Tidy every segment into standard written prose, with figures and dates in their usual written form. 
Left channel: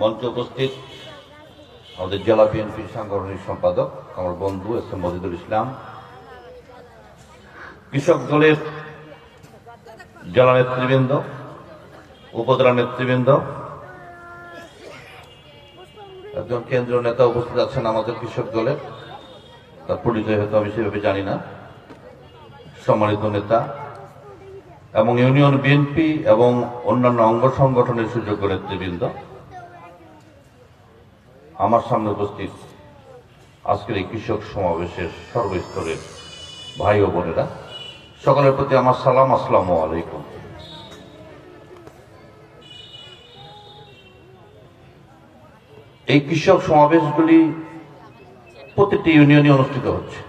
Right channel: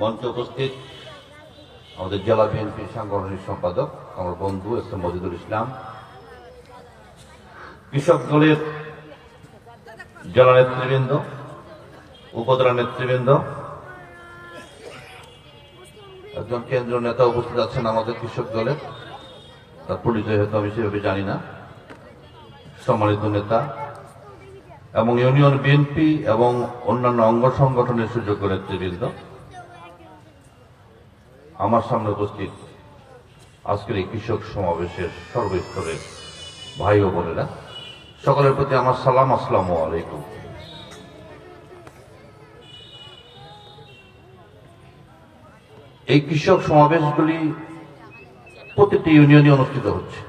মঞ্চে উপস্থিত আমাদের জেলা বিএনপির সাংগঠনিক সম্পাদক আমার বন্ধু এস এম মজিদুল ইসলাম, কৃষক দলের জেলা নেতৃবৃন্দ, উপজেলা নেতৃবৃন্দ, একজন কেন্দ্রীয় নেতা উপস্থিত আছেন আমাদের কৃষক দলের, তার পরিচয় হয়তো আমি সেভাবে জানি না, সম্মানিত নেতা এবং ইউনিয়ন বিএনপি এবং অন্যান্য অঙ্গ সংগঠনের সুযোগ্য নেতৃবৃন্দ, আমার সামনে উপস্থিত আজকের এই কৃষক সমাবেশের সর্বস্তরের ভাই ও বোনেরা, সকলের প্রতি আমার সালাম, আসসালামু আলাইকুম। এই কৃষক সমাবেশগুলি প্রতিটি ইউনিয়নে অনুষ্ঠিত হচ্ছে।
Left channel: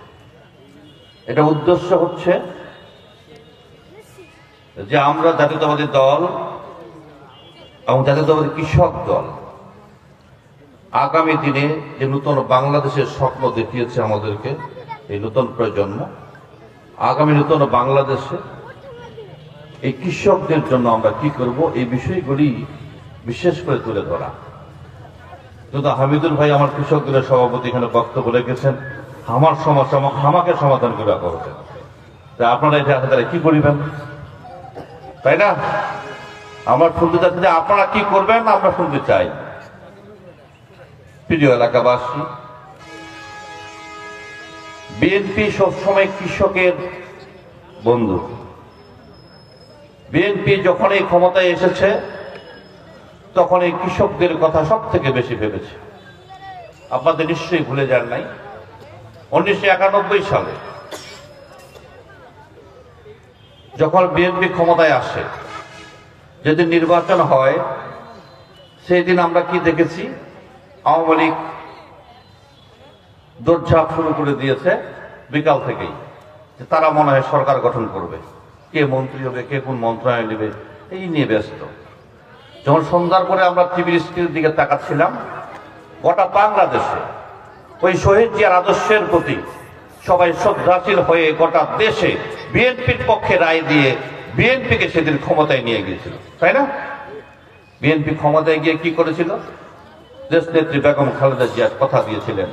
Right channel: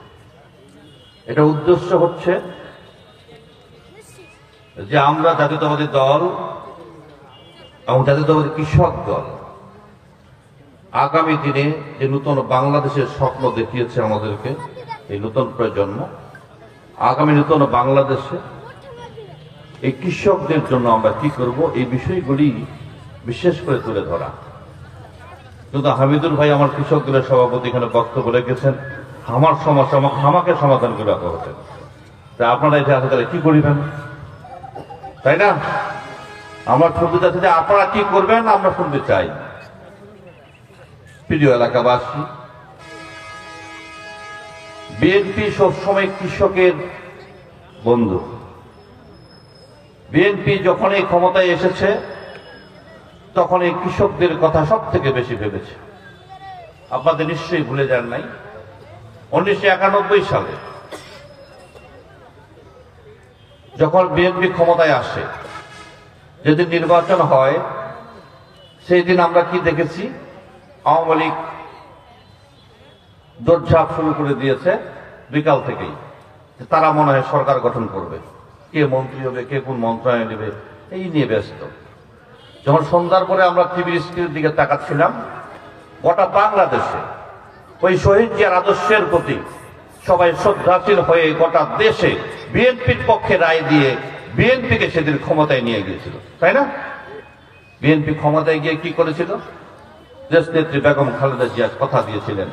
এটা উদ্দেশ্য হচ্ছে যে আমরা জাতীয়তাবাদী দল এবং জাতীয়তাবাদী কৃষক দল আগামী দিনে যে নূতন বাংলাদেশের স্বপ্ন দেখিয়েছে আমাদেরকে, এই নূতন প্রজন্ম, আগামী নূতন বাংলাদেশে এই কৃষকদের জন্য আমরা কি করব, এই বিষয়গুলি বিশেষ করে তুলে ধরা। কিন্তু হামিদুল ভাই আমার কৃষক দলের সভাপতি এখানে বক্তব্য রেখেছেন, আমার সমস্যা আমাকে সমাধান করে রাখা হচ্ছে, তা আপনারা এটা আসলে কি করিবেন, তাই না? আমার শুনতে চাচ্ছে যে আপনারা কি করবেন আমরা শুনতে চাই। প্রিয় এলাকাবাসী, বিএনপি সবসময় কৃষকের বন্ধু। বিএনপি যখন এই ক্ষমতায় এসেছে তখন এই কৃষকদের কথা সব থেকে বেশি ভেবেছে। আপনাদের নিশ্চয়ই ভুলে যান নাই, 1991 সালে যখন বিএনপি ক্ষমতায় আসে, যেদিন নির্বাচন হয় সেই দিন আমরা কি দেখেছি, আওয়ামী লীগ দৌড়ঝাঁপ শুরু করে দিয়েছে বিকাল থেকেই, তারা মনে হয় সরকার গঠন করবে, কে মন্ত্রী হবে, কে কোন মন্ত্রণালয় নেবে, এই নিয়ে ব্যস্ত। যখন সন্ধ্যার পরে আমরা টিভির স্ক্রিনের দিকে তাকাচ্ছিলাম, গোটা বাংলাদেশে ওই শহীদ জিয়ার আদর্শের প্রতি সবাই শ্রদ্ধাশীল হয়ে গোটা দেশে বিএনপির পক্ষে রায় দিয়ে বিএনপিকে সেদিন ক্ষমতায় নিয়ে গিয়েছিল, তাই না? বিএনপি ক্ষমতায় গিয়ে কি করেছিল? দেশ নেত্রী বেগম খালেদা জিয়া কথা দিয়েছিলেন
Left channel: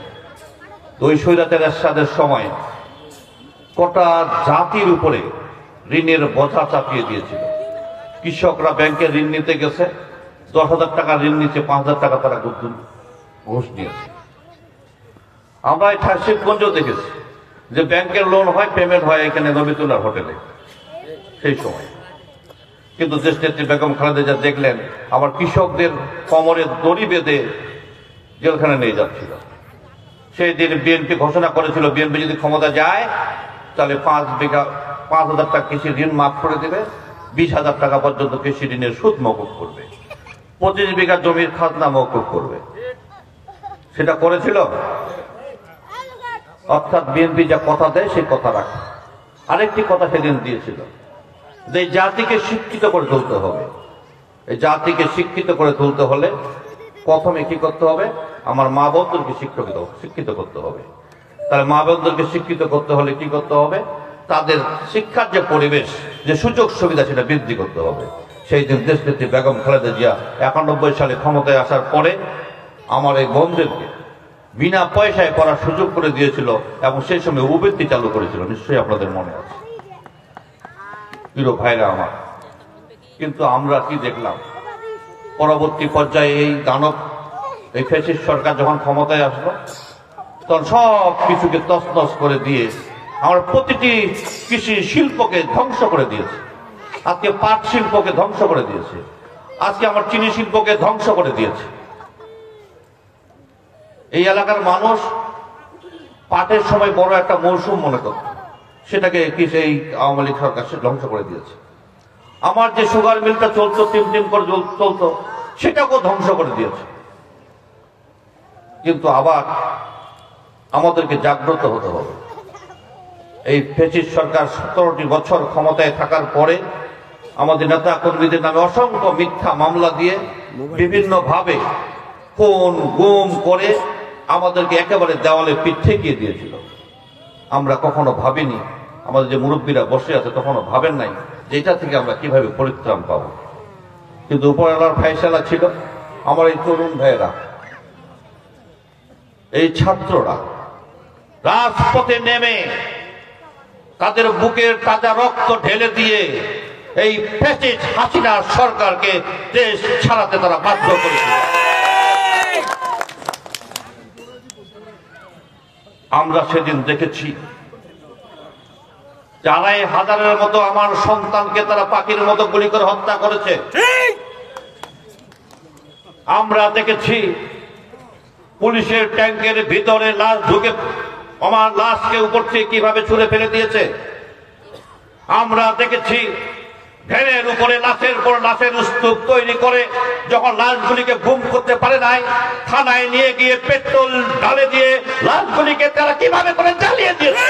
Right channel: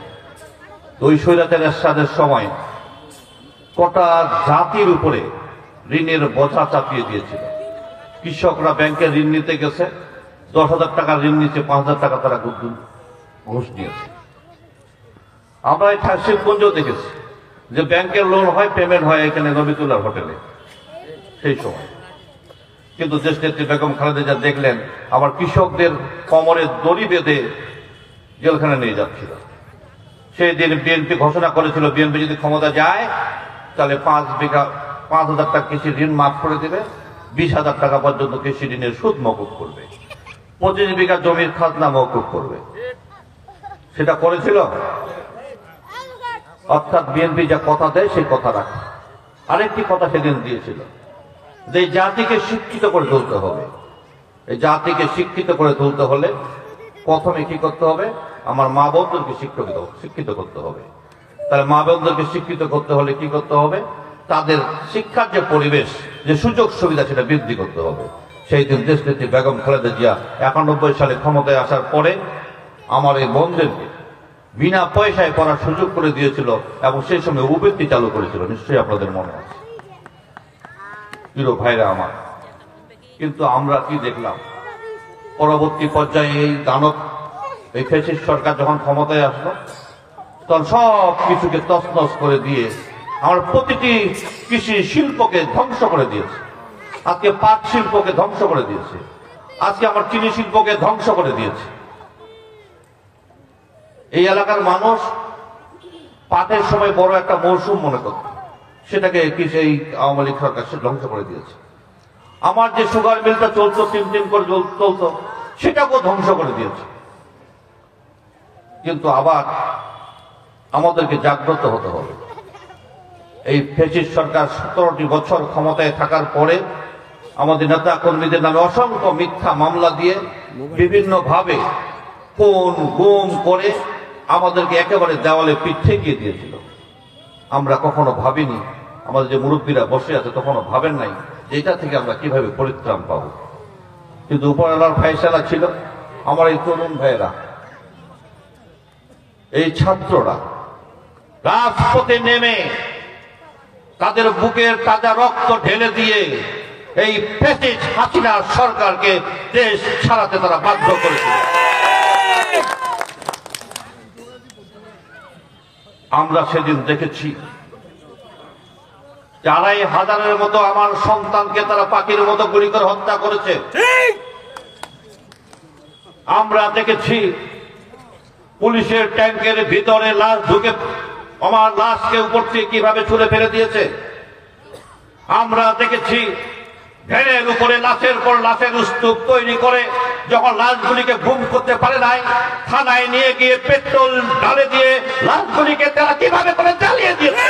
ওই স্বৈরাচার এরশাদের সময় গোটা জাতির উপরে ঋণের বোঝা চাপিয়ে দিয়েছিল। কৃষকরা ব্যাংকে ঋণ নিতে গেছে, 10,000 টাকা ঋণ নিচ্ছে, 5,000 টাকা তারা ঘুষ নিয়েছে। আমরা এই শিবগঞ্জেও দেখেছি যে ব্যাংকের লোন হয়, পেমেন্ট হয় এখানে নবিতুল্লাহ হোটেলে সেই সময়। কিন্তু দেশ নেত্রী বেগম খালেদা জিয়া দেখলেন আবার কৃষকদের কোমরে দড়ি বেঁধে জেলখানে নিয়ে যাচ্ছিল। সেই দিন বিএনপি ঘোষণা করেছিল বিএনপি যদি ক্ষমতা যায় তাহলে 5,000 টাকা কৃষি ঋণ মাফ করে দেবে, 20,000 টাকা পর্যন্ত কৃষি ঋণের সুদ মওকুফ করবে, 25 বিঘা জমির খাজনা মওকুফ করবে। সেটা করেছিল। অর্থাৎ বিএনপি যা কথা দেয় সেই কথা রাখে। আরেকটি কথা সেদিন দিয়েছিল যে এই জাতিকে শিক্ষিত করে তুলতে হবে। এই জাতিকে শিক্ষিত করে তুলতে হলে প্রথমে কি করতে হবে? আমার মা বোনদেরকে শিক্ষিত করতে হবে। তাহলে মা বোনদেরকে শিক্ষিত করতে হলে কি করতে হবে? তাদের শিক্ষার যে পরিবেশ, যে সুযোগ সুবিধা, সেটা বৃদ্ধি করতে হবে। সেই দিন দেশ নেত্রী বেগম খালেদা জিয়া 91 সালে ক্ষমতায় আসার পরে আমার এই বোনদেরকে বিনা পয়সায় পড়ার সুযোগ করে দিয়েছিল এবং সেই সঙ্গে উপবৃত্তি চালু করেছিল, নিশ্চয়ই আপনাদের মনে আছে প্রিয় ভাইরা আমার। কিন্তু আমরা কি দেখলাম? পরবর্তী পর্যায়ে এই দানব, এই ফ্যাসিস্ট সরকার যখন ক্ষমতায় আসলো তখন সব কিছুকে তছনছ করে দিয়ে আমার প্রতিটি কৃষি শিল্পকে ধ্বংস করে দিয়েছে। আজকে পাট শিল্পকে ধ্বংস করে দিয়েছে, আজকে আমার চিনি শিল্পকে ধ্বংস করে দিয়েছে। এই এলাকার মানুষ পাটের সময় বড় একটা মৌসুম মনে করত, সেটাকে এই আওয়ামী লীগ সরকার সে ধ্বংস করে দিয়েছে। আমার যে সুগার মিলটা চলতো, 3 করে চলতো, সেটাকেও ধ্বংস করে দিয়েছে। কিন্তু আবার আমাদেরকে জাগ্রত হতে হবে। এই ফ্যাসিস্ট সরকার 17টি বছর ক্ষমতায় থাকার পরে আমাদের নেতা কর্মীদের নামে অসংখ্য মিথ্যা মামলা দিয়ে বিভিন্ন ভাবে কোন গুম করে আমাদেরকে একেবারে দেওয়ালে পিঠ ঠেকিয়ে দিয়েছিল। আমরা কখনো ভাবিনি, আমাদের যে মুরব্বীরা বসে আছে কখনো ভাবেন নাই যে এটা থেকে আমরা কিভাবে পরিত্রাণ পাবো। কিন্তু উপরওয়ালার ফয়সালা ছিল আমার এই তরুণ ভাইয়েরা, এই ছাত্ররা রাজপথে নেমে তাদের বুকের তাজা রক্ত ঢেলে দিয়ে এই ফ্যাসিস্ট হাসিনা সরকারকে দেশ ছাড়াতে তারা বাধ্য করেছে। আমরা সেদিন দেখেছি যারাই হাজারের মতো আমার সন্তানকে তারা পাখির মতো গুলি করে হত্যা করেছে। আমরা দেখেছি পুলিশের ট্যাঙ্কের ভিতরে লাশ ঢুকে আমার লাশকে উপর থেকে কিভাবে ছুঁড়ে ফেলে দিয়েছে। আমরা দেখেছি ভ্যানের উপরে লাশের পর লাশের স্তূপ তৈরি করে যখন লাশগুলিকে গুম করতে পারে নাই, থানায় নিয়ে গিয়ে পেট্রোল ঢালে দিয়ে লাশগুলিকে তারা কিভাবে করে জ্বালিয়ে দিয়েছে।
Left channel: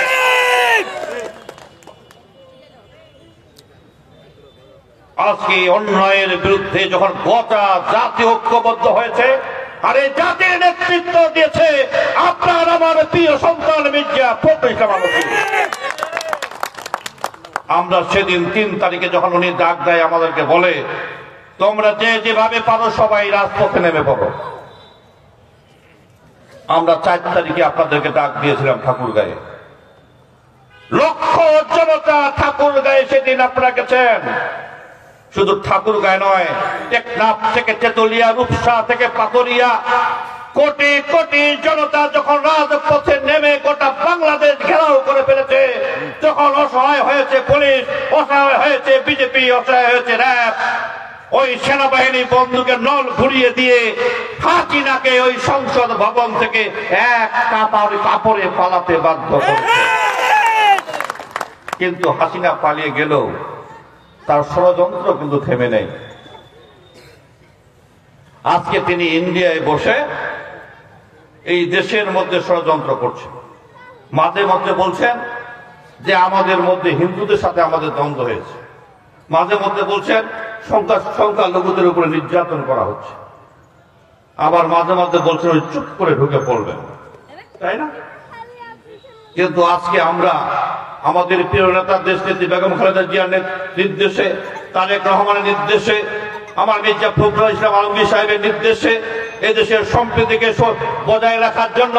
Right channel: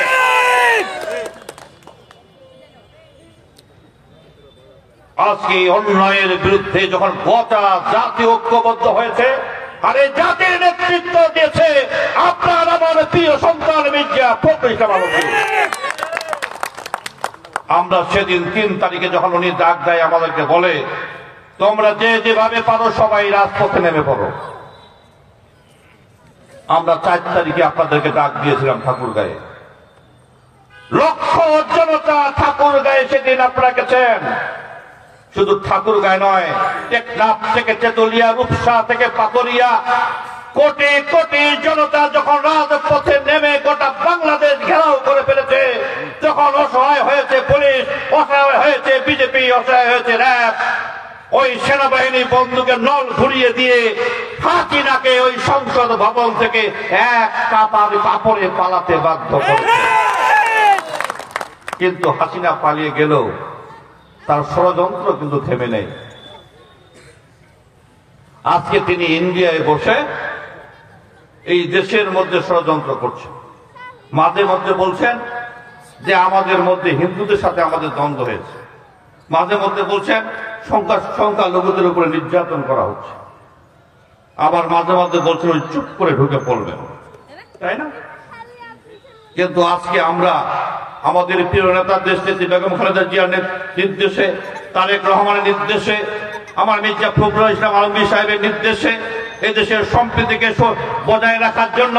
আজকে অন্যায়ের বিরুদ্ধে যখন গোটা জাতি ঐক্যবদ্ধ হয়েছে, আর এই জাতির নেতৃত্ব দিয়েছে আপনার আমার প্রিয় সন্তান মির্জা ফখরুল ইসলাম আলমগীর। আমরা সেদিন 3 তারিখে যখন উনি ডাক দেয় আমাদেরকে বলে, তোমরা যে যেভাবে পারো সবাই রাজপথে নেমে পড়ো। আমরা 4 তারিখে আপনাদেরকে ডাক দিয়েছিলাম ঠাকুরগাঁয়ে। লক্ষ জনতা ঠাকুরগাঁয়ে সেদিন আপনারা গেছেন। শুধু ঠাকুরগাঁয়ে নয়, টেকনাফ থেকে তেতুলিয়া, রূপসা থেকে পাথরিয়া, কোটি কোটি জনতা যখন রাজপথে নেমে গোটা বাংলাদেশ ঘেরাও করে ফেলেছে, যখন অসহায় হয়েছে পুলিশ, অসহায় হয়েছে বিজেপি, অসহায় হয়েছে র্যাব, ওই সেনাবাহিনী বন্দুকের নল ঘুরিয়ে দিয়ে হাসিনাকে ওই সংসদ ভবন থেকে এক কাপড়ে পালাতে বাধ্য করেছে। কিন্তু হাসিনা পালিয়ে গেলেও তার ষড়যন্ত্র কিন্তু থেমে নেই। আজকে তিনি ইন্ডিয়ায় বসে এই দেশের মধ্যে ষড়যন্ত্র করছেন। মাঝে মধ্যে বলছেন যে আমাদের মধ্যে হিন্দুদের সাথে আমাদের দ্বন্দ্ব হয়েছে, মাঝে মধ্যে বলছেন সংখ্যালঘুদের উপরে নির্যাতন করা হচ্ছে, আবার মাঝে মধ্যে বলছেন চুপ করে ঢুকে পড়বেন, তাই না? কিন্তু আজকে আমরা আমাদের প্রিয় নেতা দেশ নেত্রী বেগম খালেদা জিয়ার নির্দেশে, তারেক রহমানের নির্দেশে, আমার মির্জা ফখরুল ইসলাম আলমগীর সাহেবের নির্দেশে এদেশের সম্প্রীতিকে বজায় রাখার জন্য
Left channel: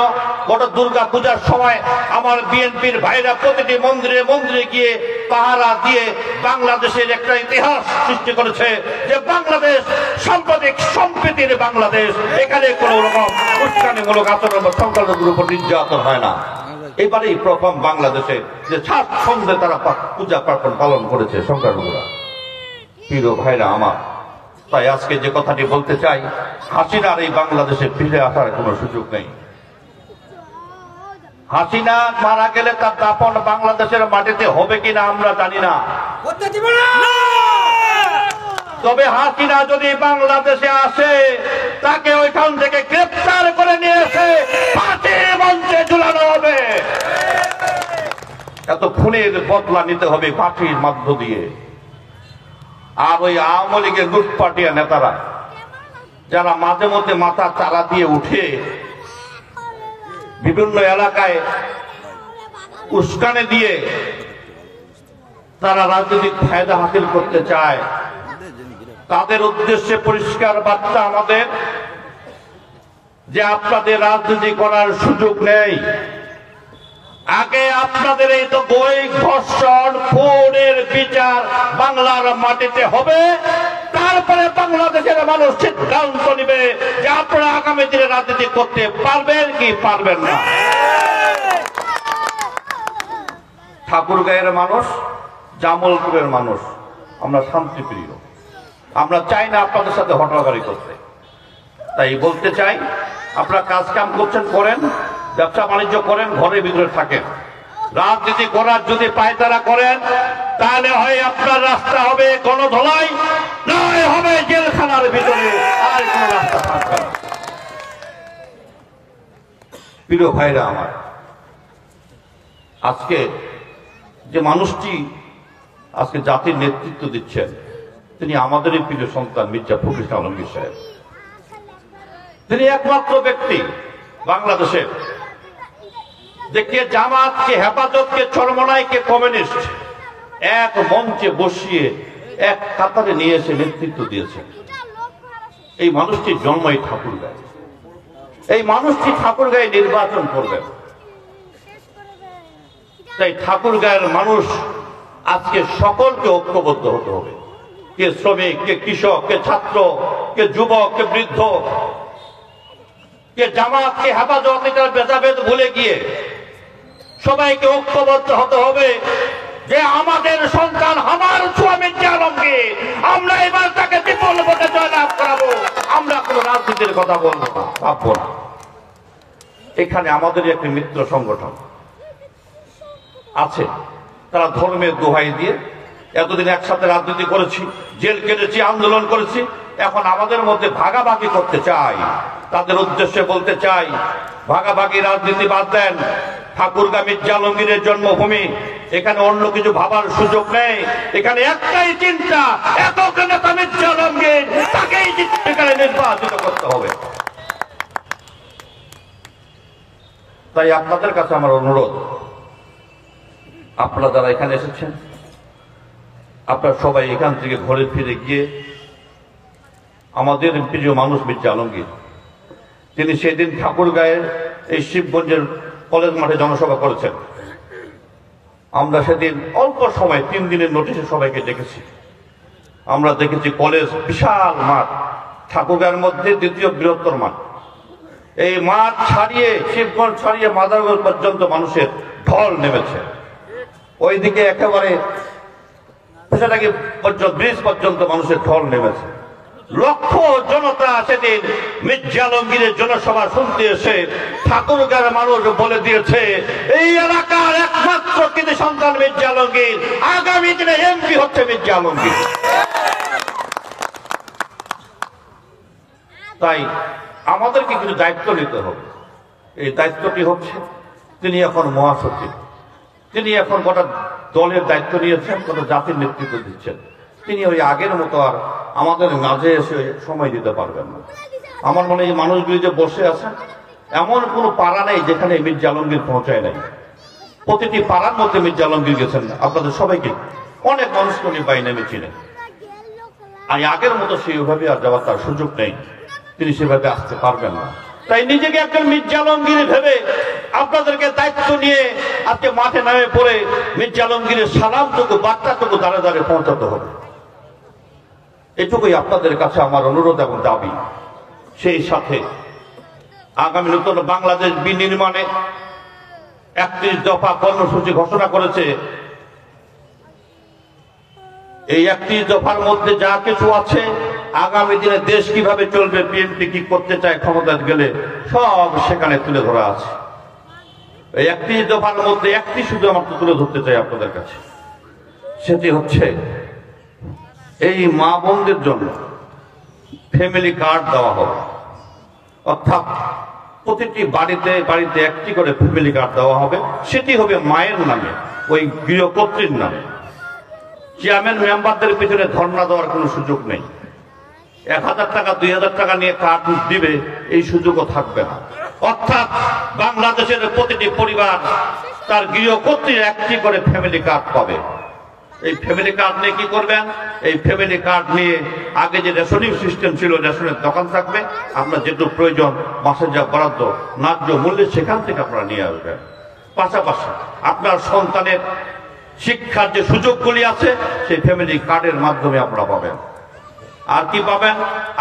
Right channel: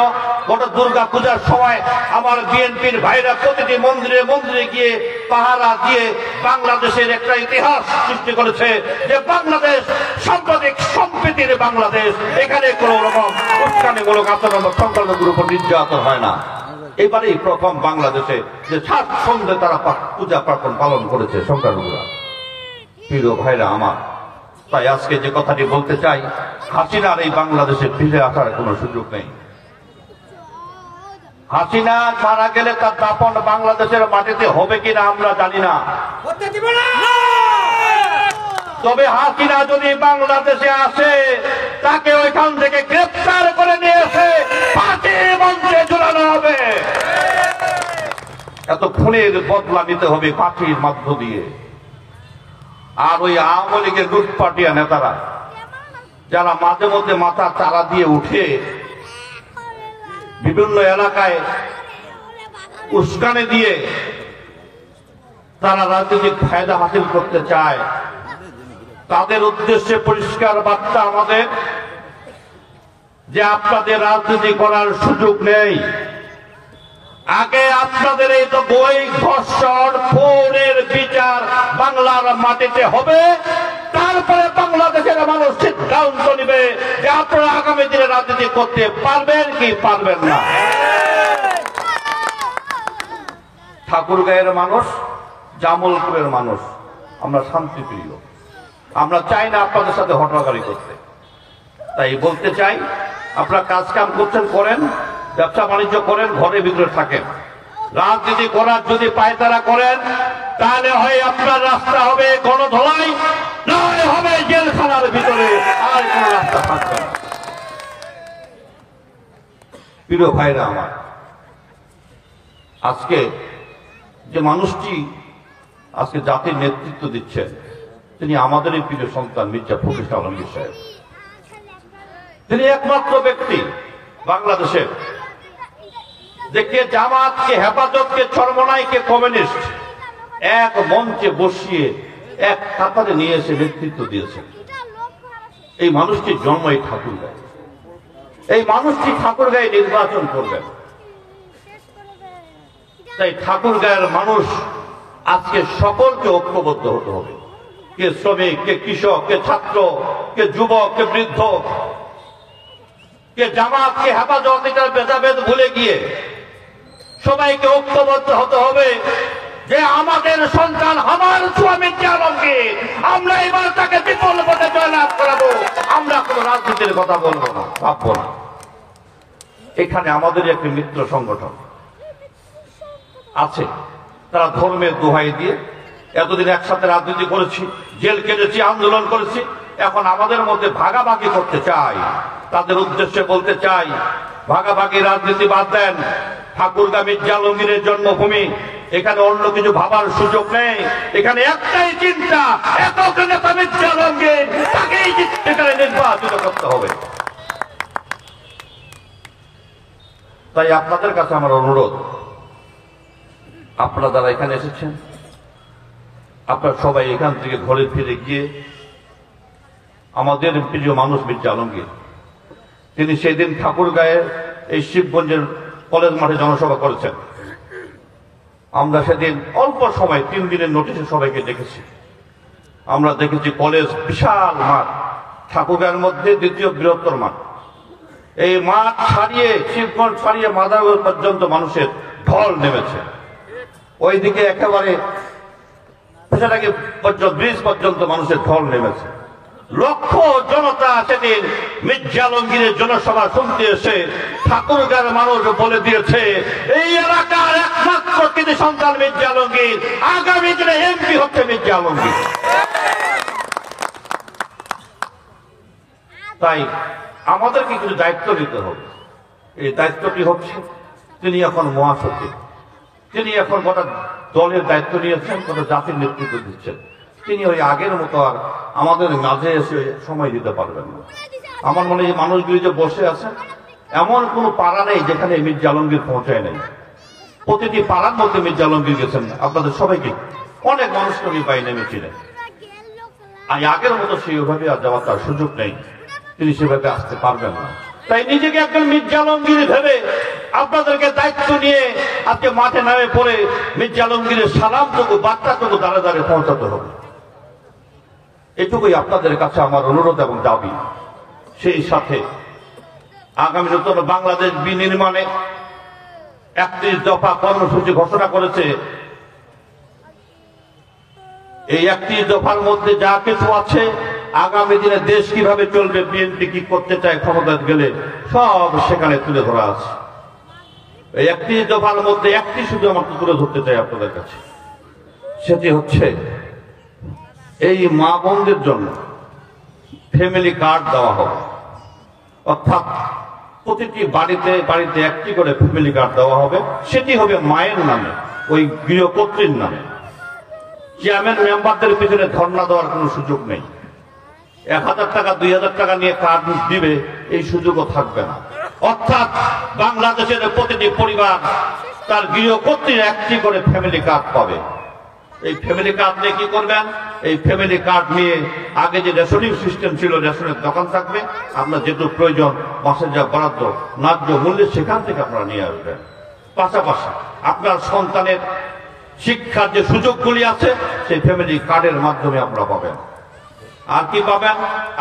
বড় দুর্গা পূজার সময় আমার বিএনপির ভাইরা প্রতিটি মন্দিরে মন্দিরে গিয়ে পাহারা দিয়ে বাংলাদেশের একটা ইতিহাস সৃষ্টি করেছে যে বাংলাদেশ সাম্প্রদায়িক সম্প্রীতির বাংলাদেশ। এখানে কোন রকম উস্কানিমূলক আচরণ সংখ্যালঘুর উপর নির্যাতন হয় না। এবারেই প্রথম বাংলাদেশে যে স্বাচ্ছন্দ্যে তারা পূজা পার্বণ পালন করেছে সংখ্যালঘুরা। প্রিয় ভাইরা আমার, তাই আজকে যে কথাটি বলতে চাই, হাসিনার এই বাংলাদেশে ফিরে আসার কোনো সুযোগ নেই। হাসিনা মারা গেলে তার দাপন বাংলাদেশের মাটিতে হবে কিনা আমরা জানি না, তবে হাসিনা যদি বাংলাদেশে আসে তাকে ওইখান থেকে গ্রেফতার করে নিয়ে এসে ফাঁসির মঞ্চে ঝুলানো হবে। এত খুনের বদলা নিতে হবে ফাঁসির মধ্য দিয়ে। আর ওই আওয়ামী লীগের লুটপাটিয়া নেতারা যারা মাঝে মধ্যে মাথা চারা দিয়ে উঠে বিভিন্ন এলাকায় উস্কানি দিয়ে তারা রাজনৈতিক ফায়দা হাসিল করতে চায়, তাদের উদ্দেশ্যে পরিষ্কার বার্তা আমাদের যে আপনাদের রাজনীতি করার সুযোগ নেই। আগে আপনাদের এই তো বই ধর্ষণ খুনের বিচার বাংলার মাটিতে হবে, তারপরে বাংলাদেশের মানুষ সিদ্ধান্ত নিবে যে আপনারা আগামী দিনে রাজনীতি করতে পারবেন কি পারবেন না। ঠাকুরগাঁয়ের মানুষ, জামালপুরের মানুষ আমরা শান্তিপ্রিয়, আমরা চাই না আপনাদের সাথে হট্টাবাড়ি করতে। তাই বলতে চাই, আপনারা কাজ কাম করছেন করেন, ব্যবসা বাণিজ্য করেন, ঘরের ভিতরে থাকেন। রাজনীতি করার যদি পায়তারা করেন তাহলে হয় আপনার রাস্তা হবে গণধোলাই, নয় হবে জেলখানার ভিতরে, আর কোন রাস্তা থাকবে না। প্রিয় ভাইরা আমার, আজকে যে মানুষটি আজকে জাতির নেতৃত্ব দিচ্ছেন তিনি আমাদেরই প্রিয় সন্তান মির্জা ফখরুল ইসলাম আলমগীর সাহেব। তিনি একমাত্র ব্যক্তি বাংলাদেশের যে কে জামাত, কে হেফাজত, কে চরমনাই, কে কমিউনিস্ট এক মঞ্চে বসিয়ে এক কাতারে নিয়ে এসে নেতৃত্ব দিয়েছেন। এই মানুষটির জন্ম এই ঠাকুরগাঁয়ে, এই মানুষটি ঠাকুরগাঁয়ে নির্বাচন করবেন। তাই ঠাকুরগাঁয়ের মানুষ আজকে সকলকে ঐক্যবদ্ধ হতে হবে। কে শ্রমিক, কে কৃষক, কে ছাত্র, কে যুবক, কে বৃদ্ধ, কে জামাত, কে হেফাজত, এটার ভেদাভেদ ভুলে গিয়ে সবাইকে ঐক্যবদ্ধ হতে হবে যে আমাদের সন্তান আমার শ্রমিক জানকে আমরা এবার তাকে বিপুল পথে জয়লাভ করাবো। আমরা কোনো রাজনীতির কথা বলবো না, ভাববো না। এখানে আমাদের একটি মিত্র সংগঠন আছে, তারা ধর্মের দোহাই দিয়ে এতদিন একসাথে রাজনীতি করেছি, জেল কেটেছি, আন্দোলন করেছি, এখন আমাদের মধ্যে ভাগাভাগি করতে চাই। তাদের উদ্দেশ্যে বলতে চাই, ভাগাভাগি রাজনীতি বাদ দেন। ঠাকুরগাঁ মির্জা আলমগীরের জন্মভূমি, এখানে অন্য কিছু ভাবার সুযোগ নেই। এখানে একটাই চিন্তা, একক নেতা মির্জা আলমগীর, তাকেই এখানে নির্বাচিত করতে হবে। তাই আপনাদের কাছে আমার অনুরোধ, আপনারা যারা এখানে এসেছেন, আপনারা সবাই এখান থেকে ঘরে ফিরে গিয়ে আমাদের প্রিয় মানুষ মির্জা আলমগীর, তিনি সেদিন ঠাকুরগাঁয়ের এই শিবগঞ্জের কলেজ মাঠে জনসভা করেছেন। আমরা সেদিন অল্প সময় 3 দিনের নোটিশে সবাইকে ডেকেছি। আমরা দেখেছি কলেজ বিশাল মাঠ, ঠাকুরগাঁয়ের মধ্যে দ্বিতীয় বৃহত্তর মাঠ। এই মাঠ ছাড়িয়ে, শিবগঞ্জ ছাড়িয়ে মাদারগঞ্জ পর্যন্ত মানুষের ঢল নেমেছে। ওইদিকে একেবারে পেশাটাকে ব্রিজ পর্যন্ত মানুষের ঢল নেমেছে। লক্ষ জনতা সেদিন মির্জা আলমগীরের জনসভা শুনতে এসে ঠাকুরগাঁয়ের মানুষ বলে দিয়েছে, এই এলাকার একমাত্র কৃতি সন্তান মির্জা আলমগীর, আগামী দিনে এমপি হচ্ছে মির্জা আলমগীর। তাই আমাদেরকে কিছু দায়িত্ব নিতে হবে। এই দায়িত্বটি হচ্ছে, তিনি এখন মহাসচিব, তিনি এখন গোটা দলের দায়িত্ব নিয়েছেন, গোটা জাতির নেতৃত্ব দিচ্ছেন। তিনি ওই আগের মতো আর আমাদের মাঝে এসে সময় দিতে পারবেন না। আমার মনে হয় মানুষগুলি যে বসে আছেন, এমন কোন পাড়া নেই যেখানে মির্জা আলমগীর পৌঁছায় নাই। প্রতিটি পাড়ার মধ্যে মির্জা আলমগীর গেছেন। আপনাদের সবাইকে, অনেক মানুষকে উনি বাইরে চিনেন। আর আগের মতো সেইভাবে আর যাওয়ার তার সুযোগ নেই, তিনি সেভাবে আসতে পারবেন না। তাই নিজেকে একজন মির্জা আলমগীর ভেবে আপনাদেরকে দায়িত্ব নিয়ে আজকে মাঠে নামে পড়ে মির্জা আলমগীরের সালামটুকু, বার্তাটুকু দাঁড়ে দাঁড়ে পৌঁছাতে হবে। এটুকুই আপনাদের কাছে আমার অনুরোধ এবং দাবি। সেই সাথে আগামী নতুন বাংলাদেশ বিনির্মাণে 31 দফা কর্মসূচি ঘোষণা করেছে। এই 31 দফার মধ্যে যা কিছু আছে, আগামী দিনে দেশ কিভাবে চলবে, বিএনপি কি করতে চায় ক্ষমতায় গেলে, সব সেখানে তুলে ধরা আছে। এই 31 দফার মধ্যে একটি শুধু আমাকে তুলে ধরতে চাই আপনাদের কাছে, সেটি হচ্ছে এই মা বোনদের জন্য ফ্যামিলি কার্ড দেওয়া হবে। অর্থাৎ প্রতিটি বাড়িতে বাড়িতে একটি করে ফ্যামিলি কার্ড দেওয়া হবে। সেটি হবে মায়ের নামে, ওই গৃহকর্ত্রীর নামে। চেয়ারম্যান মেম্বারদের পিছনে ধর্ণা দেওয়ার কোনো সুযোগ নেই। 1000 টাকা 2000 টাকা নিয়ে কার্ড দিবে, এই সুযোগও থাকবে না। অর্থাৎ বাংলাদেশের প্রতিটি পরিবার তার গৃহকর্ত্রীর একটি করে ফ্যামিলি কার্ড পাবে। এই ফ্যামিলি কার্ড নিয়ে কি করবেন? এই ফ্যামিলি কার্ড নিয়ে আগে যে রেশনিং সিস্টেম ছিল, রেশনের দোকান থাকবে, আপনার যেটুকু প্রয়োজন মাসের যা বরাদ্দ ন্যায্য মূল্যে সেখান থেকে আপনারা নিয়ে আসবেন। পাশাপাশি আপনার সন্তানের শিক্ষার যে সুযোগগুলি আছে, সেই ফ্যামিলি কার্ডের মাধ্যমে আপনারা পাবেন। আর কি পাবেন?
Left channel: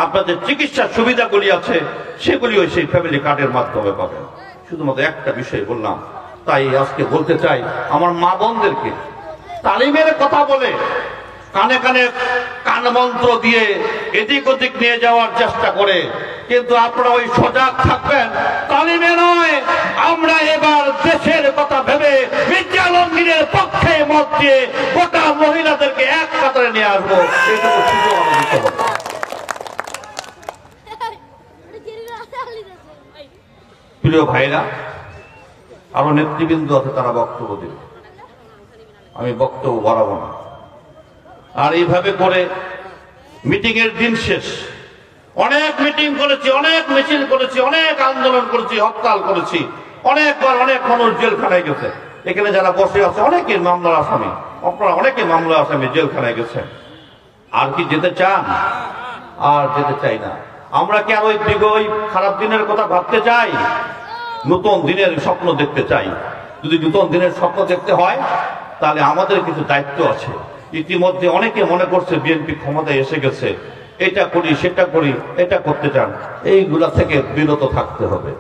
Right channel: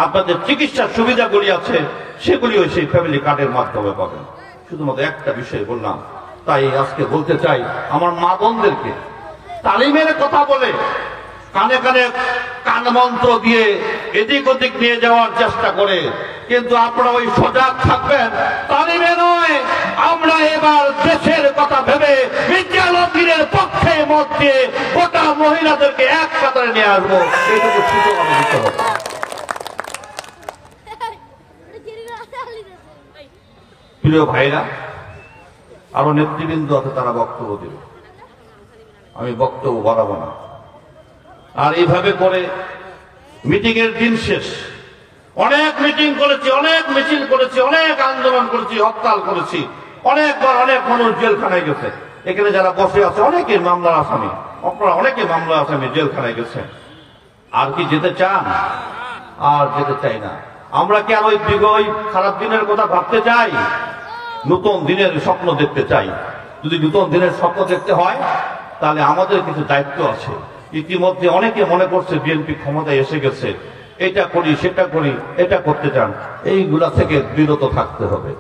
আপনাদের চিকিৎসার সুবিধাগুলি আছে, সেগুলিও সেই ফ্যামিলি কার্ডের মাধ্যমে পাবেন। শুধুমাত্র একটা বিষয় বললাম, তাই আজকে বলতে চাই আমার মা বোনদেরকে, তালিমের কথা বলে কানে কানে কানমন্ত্র দিয়ে এদিক ওদিক নিয়ে যাওয়ার চেষ্টা করে, কিন্তু আপনারা ওই সজাগ থাকবেন। তালিমে নয়, আমরা এবার দেশের কথা ভেবে মির্জা আলমগীরের পক্ষে মত দিয়ে গোটা মহিলাদেরকে এক কাতারে নিয়ে আসবো। এইটুকু সুযোগ আমাদের দিতে হবে। প্রিয় ভাইরা, আরো নেতৃবৃন্দ আছে, তারা বক্তব্য দেবে, আমি বক্তব্য বাড়াবো না। আর এইভাবে করে মিটিং এর দিন শেষ। অনেক মিটিং করেছি, অনেক মিছিল করেছি, অনেক আন্দোলন করেছি, হরতাল করেছি, অনেকবার অনেক মানুষ জেলখানায় গেছে। এখানে যারা বসে আছে অনেকে মামলার আসামি, আপনারা অনেকে মামলার আসামি জেলখানায় গেছে। আর কি যেতে চান? আর যেতে চাই না। আমরা কি আর ওই খারাপ দিনের কথা ভাবতে চাই? নতুন দিনের স্বপ্ন দেখতে চাই। যদি নতুন দিনের স্বপ্ন দেখতে হয় তাহলে আমাদের কিছু দায়িত্ব আছে। ইতিমধ্যে অনেকে মনে করছে বিএনপি ক্ষমতায় এসে গেছে, এটা করি সেটা করি, এটা করতে চান, এইগুলা থেকে বিরত থাকতে হবে।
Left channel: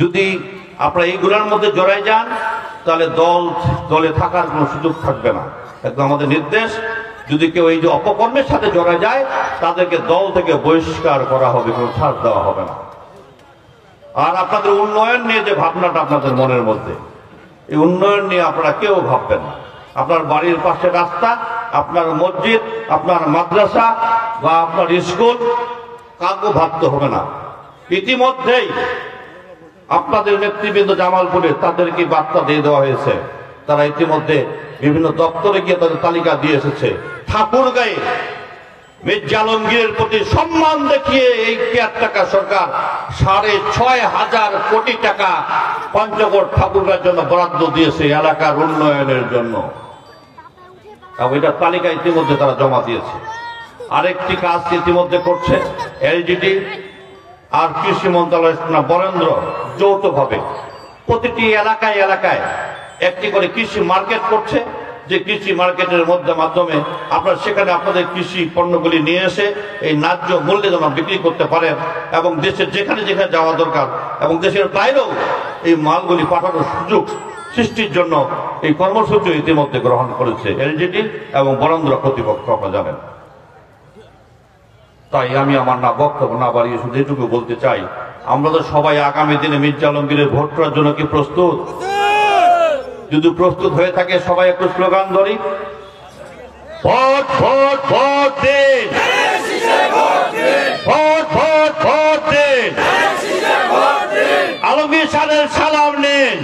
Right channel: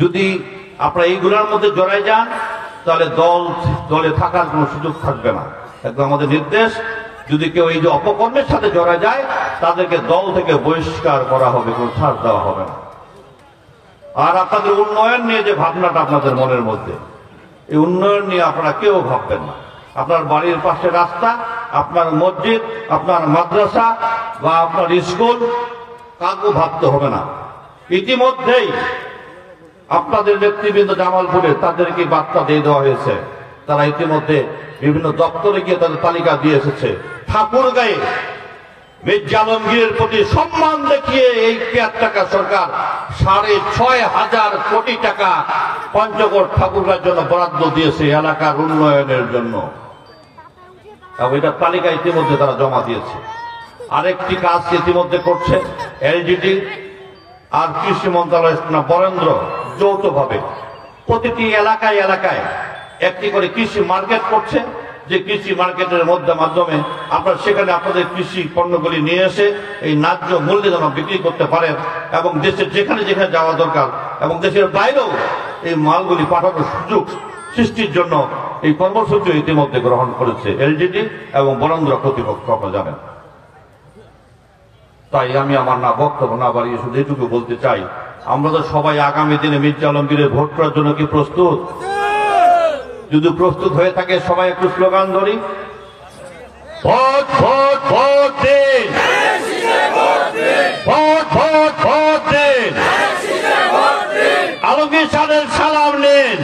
যদি আপনারা এইগুলোর মধ্যে জড়াই যান তাহলে দলে থাকার কোনো সুযোগ থাকবে না। একদম আমাদের নির্দেশ, যদি কেউ এই যে অপকর্মের সাথে জড়া যায় তাদেরকে দল থেকে বহিষ্কার করা হবে, কোনো ছাড় দেওয়া হবে না। আর আপনাদের উন্নয়ন নিয়ে যে ভাবনাটা আপনাদের মনের মধ্যে, এই উন্নয়ন নিয়ে আপনারা কেউ ভাববেন না। আপনার বাড়ির পাশে রাস্তা, আপনার মসজিদ, আপনার মাদ্রাসা বা আপনার স্কুল, কাউকে ভাবতে হবে না। ইতিমধ্যেই আপনাদের নেতৃবৃন্দ জামালপুরে তাদেরকে বার্তা দিয়ে দেওয়া হয়েছে। তারা ইতিমধ্যে বিভিন্ন দপ্তরে গিয়ে তাদের তালিকা দিয়ে এসেছে। ঠাকুরগাঁয়ে মির্জা আলমগীরের প্রতি সম্মান দেখিয়ে এই কেয়ারটেকার সরকার ৬,৫০০ কোটি টাকা পঞ্চগড় ঠাকুরগাঁর জন্য বরাদ্দ দিয়েছে এলাকার উন্নয়নের জন্য। এটা তালিকা ইতিমধ্যে তারা জমা দিয়েছে। আরেকটি কাজ ইতিমধ্যে করছে এলডিডি আর কৃষি মন্ত্রণালয় বরেন্দ্র যৌথভাবে প্রতিটি এলাকায় এলাকায় একটি করে কৃষি মার্কেট করছে, যে কৃষি মার্কেটের মাধ্যমে আপনারা সেখানে আপনাদের কৃষি পণ্যগুলি নিয়ে এসে এই ন্যায্য মূল্যে যেন বিক্রি করতে পারেন এবং দেশের যেখানে যেখানে যাওয়া দরকার এবং দেশের বাইরেও এই মালগুলি পাঠানোর সুযোগ সৃষ্টির জন্য এই কর্মসূচি ইতিমধ্যে গ্রহণ করেছে এলজিডি এবং বরেন্দ্র কর্তৃপক্ষ, আপনারা জানেন। তাই আমি আমার বক্তব্য না বাড়িয়ে শুধু এটুকু বলতে চাই, আমরা তো সবাই আগামী দিনে মির্জা আলমগীরের ভোট করার জন্য কি প্রস্তুত? যদি প্রস্তুত হয়ে থাকে সবাই একটু স্লোগান ধরি, ভোট ভোট ভোট দিন, ভোট ভোট ভোট দিন, আলমগীর সাহেবের সালাম নিন,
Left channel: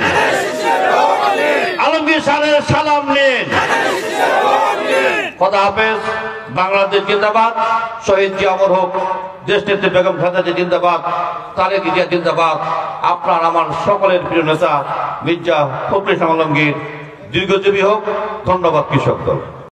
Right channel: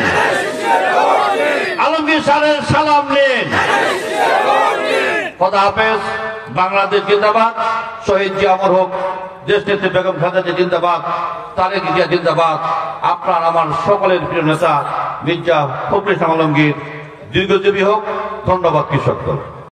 আলমগীর সাহেবের সালাম নিন। খোদা হাফেজ। বাংলাদেশ জিন্দাবাদ, শহীদ জিয়া অমর হোক, দেশনেত্রী বেগম খালেদা জিন্দাবাদ, তারেক জিয়া জিন্দাবাদ। আপনার আমার সকলের প্রিয় নেতা মির্জা ফখরুল ইসলাম আলমগীর দীর্ঘজীবী হোক। ধন্যবাদ কৃষক দল।